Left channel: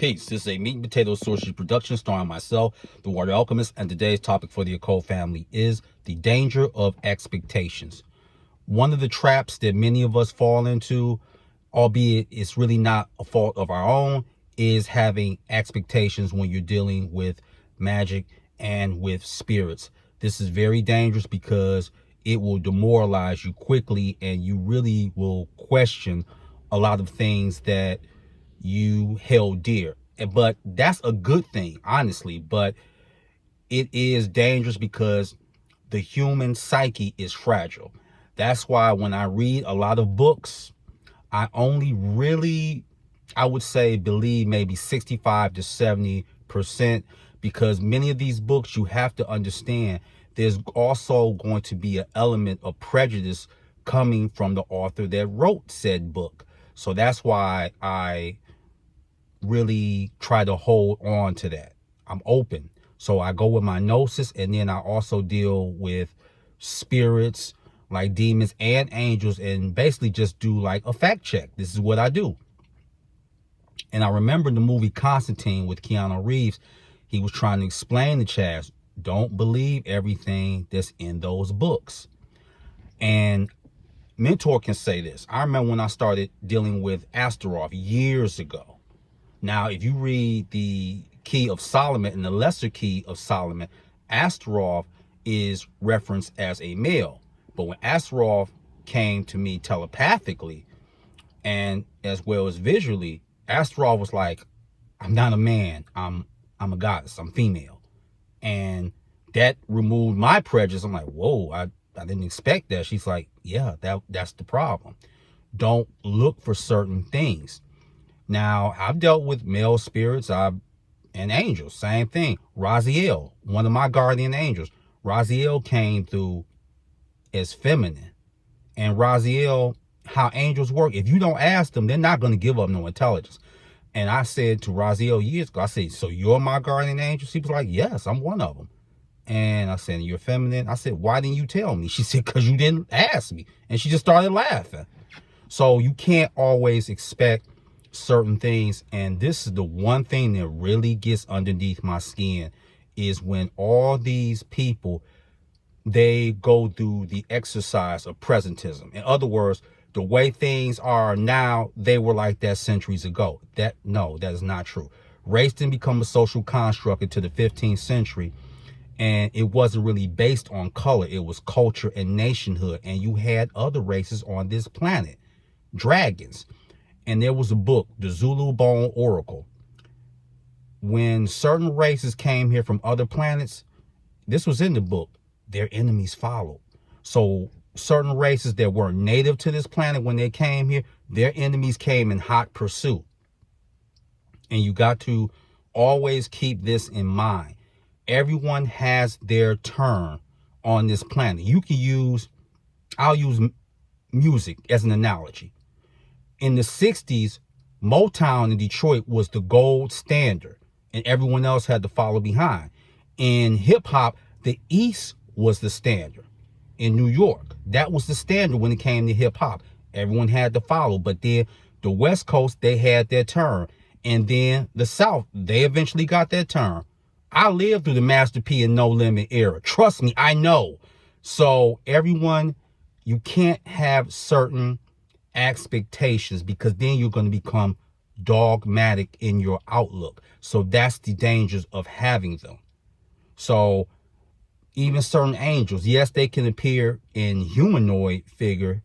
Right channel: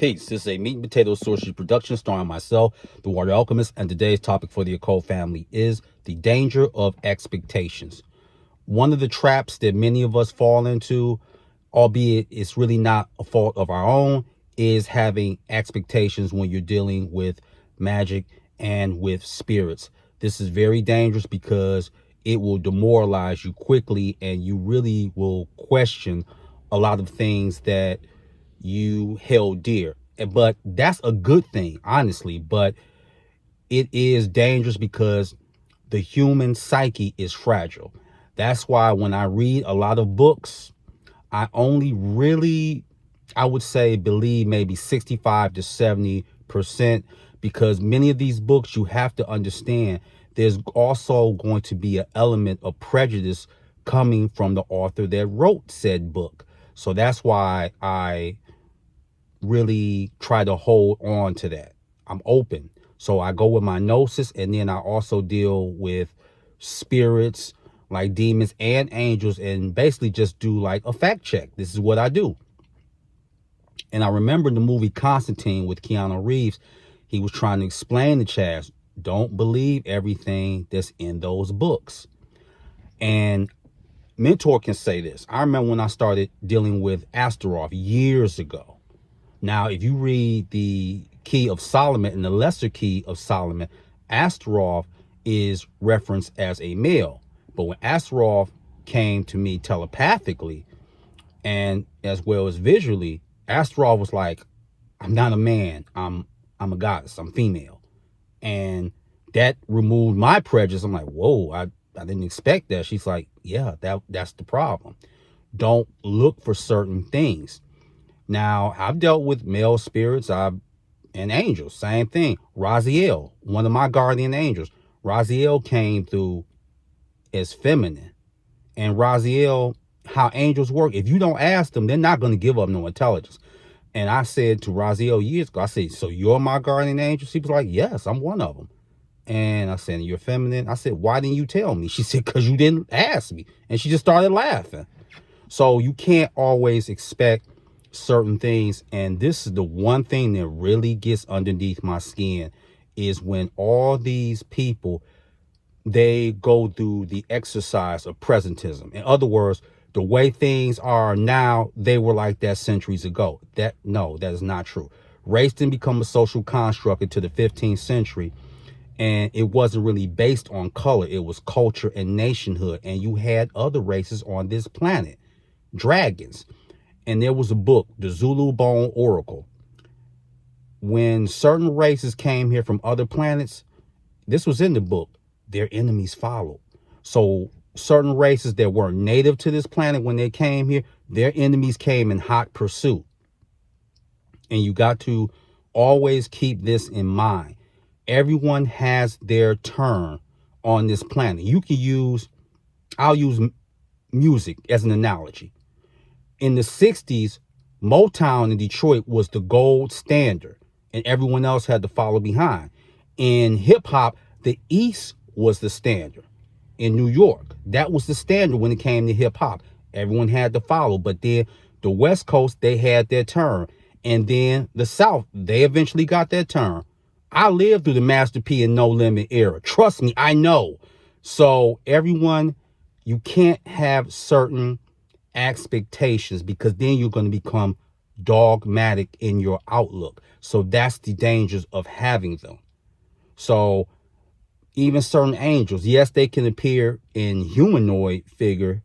Peace. This is a meat and potato sorcery production starring myself, the Warrior Alchemist, and today's topic for the occult family is the danger of expectations. One of the traps that many of us fall into, albeit it's really not a fault of our own, is having expectations when you're dealing with magic and with spirits. This is very dangerous because it will demoralize you quickly and you really will question a lot of things that you held dear. But that's a good thing, honestly. But it is dangerous because the human psyche is fragile. That's why when I read a lot of books, I only really, I would say, believe maybe 65 to 70%, because many of these books, you have to understand, there's also going to be an element of prejudice coming from the author that wrote said book. So that's why I really try to hold on to that. I'm open. So I go with my gnosis, and then I also deal with spirits like demons and angels, and basically just do like a fact check. This is what I do. And I remember the movie Constantine with Keanu Reeves. He was trying to explain to Chaz, don't believe everything that's in those books. And Mentor can say this. I remember when I started dealing with Asov years ago. Now, if you read the Key of Solomon and the Lesser Key of Solomon, Asov is referenced as a male. But when Asov came to me telepathically and as well as visually, Asov was like, I'm not a man. I'm a goddess. I'm female. And that removed my prejudice. I'm like, whoa, I didn't expect that. She's like, yeah, that's the problem. Don't look for certain things. Now, I've dealt with male spirits and angels. Same thing. Raziel, one of my guardian angels. Raziel came through as feminine. And Raziel, how angels work, if you don't ask them, they're not going to give up no intelligence. And I said to Raziel years ago, I said, so you're my guardian angel? She was like, yes, I'm one of them. And I said, you're feminine? I said, why didn't you tell me? She said, because you didn't ask me. And she just started laughing. So you can't always expect certain things. And this is the one thing that really gets underneath my skin, is when all these people, they go through the exercise of presentism. In other words, the way things are now, they were like that centuries ago. No, that is not true. Race didn't become a social construct until the 15th century. And it wasn't really based on color. It was culture and nationhood. And you had other races on this planet, dragons. And there was a book, the Zulu Bone Oracle. When certain races came here from other planets, this was in the book, their enemies followed. So certain races that weren't native to this planet, when they came here, their enemies came in hot pursuit. And you got to always keep this in mind. Everyone has their turn on this planet. I'll use music as an analogy. In the 60s, Motown in Detroit was the gold standard, and everyone else had to follow behind. In hip-hop, the East was the standard. In New York, that was the standard when it came to hip-hop. Everyone had to follow, but then the West Coast, they had their turn. And then the South, they eventually got their turn. I lived through the Master P and No Limit era. Trust me, I know. So everyone, you can't have certain expectations, because then you're going to become dogmatic in your outlook. So that's the dangers of having them. So even certain angels, yes, they can appear in humanoid figure,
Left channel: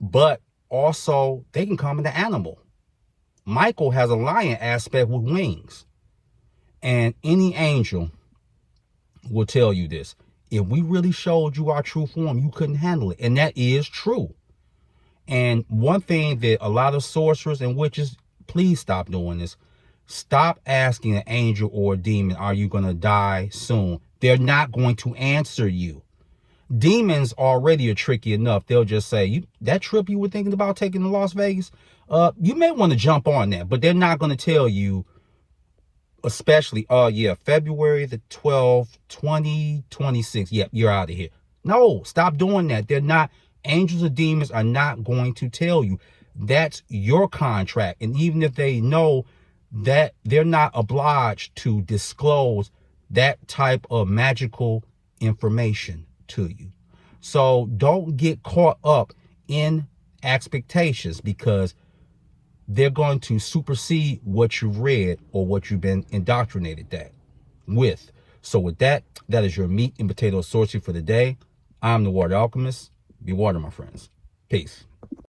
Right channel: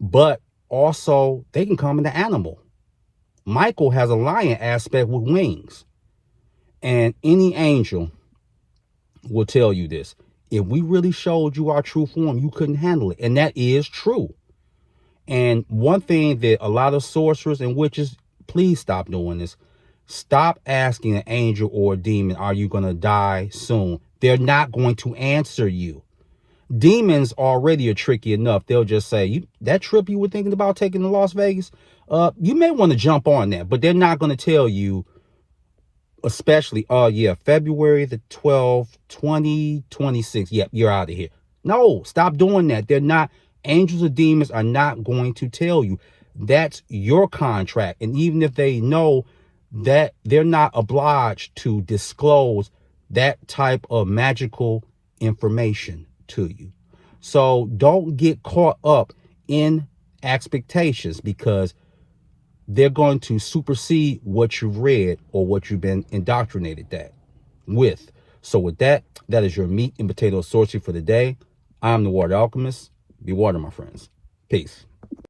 but also they can come in the animal. Michael has a lion aspect with wings. And any angel will tell you this. If we really showed you our true form, you couldn't handle it. And that is true. And one thing that a lot of sorcerers and witches, please stop doing this. Stop asking an angel or a demon, are you going to die soon? They're not going to answer you. Demons already are tricky enough. They'll just say, that trip you were thinking about taking to Las Vegas, you may want to jump on that. But they're not going to tell you, especially, February the 12th, 2026. Yep, you're out of here. No, stop doing that. They're not. Angels or demons are not going to tell you. That's your contract. And even if they know, that they're not obliged to disclose that type of magical information to you. So don't get caught up in expectations, because they're going to supersede what you've read or what you've been indoctrinated with. So with that, that is your meat and potato sorcery for the day. I'm the Water Alchemist. Be water, my friends. Peace.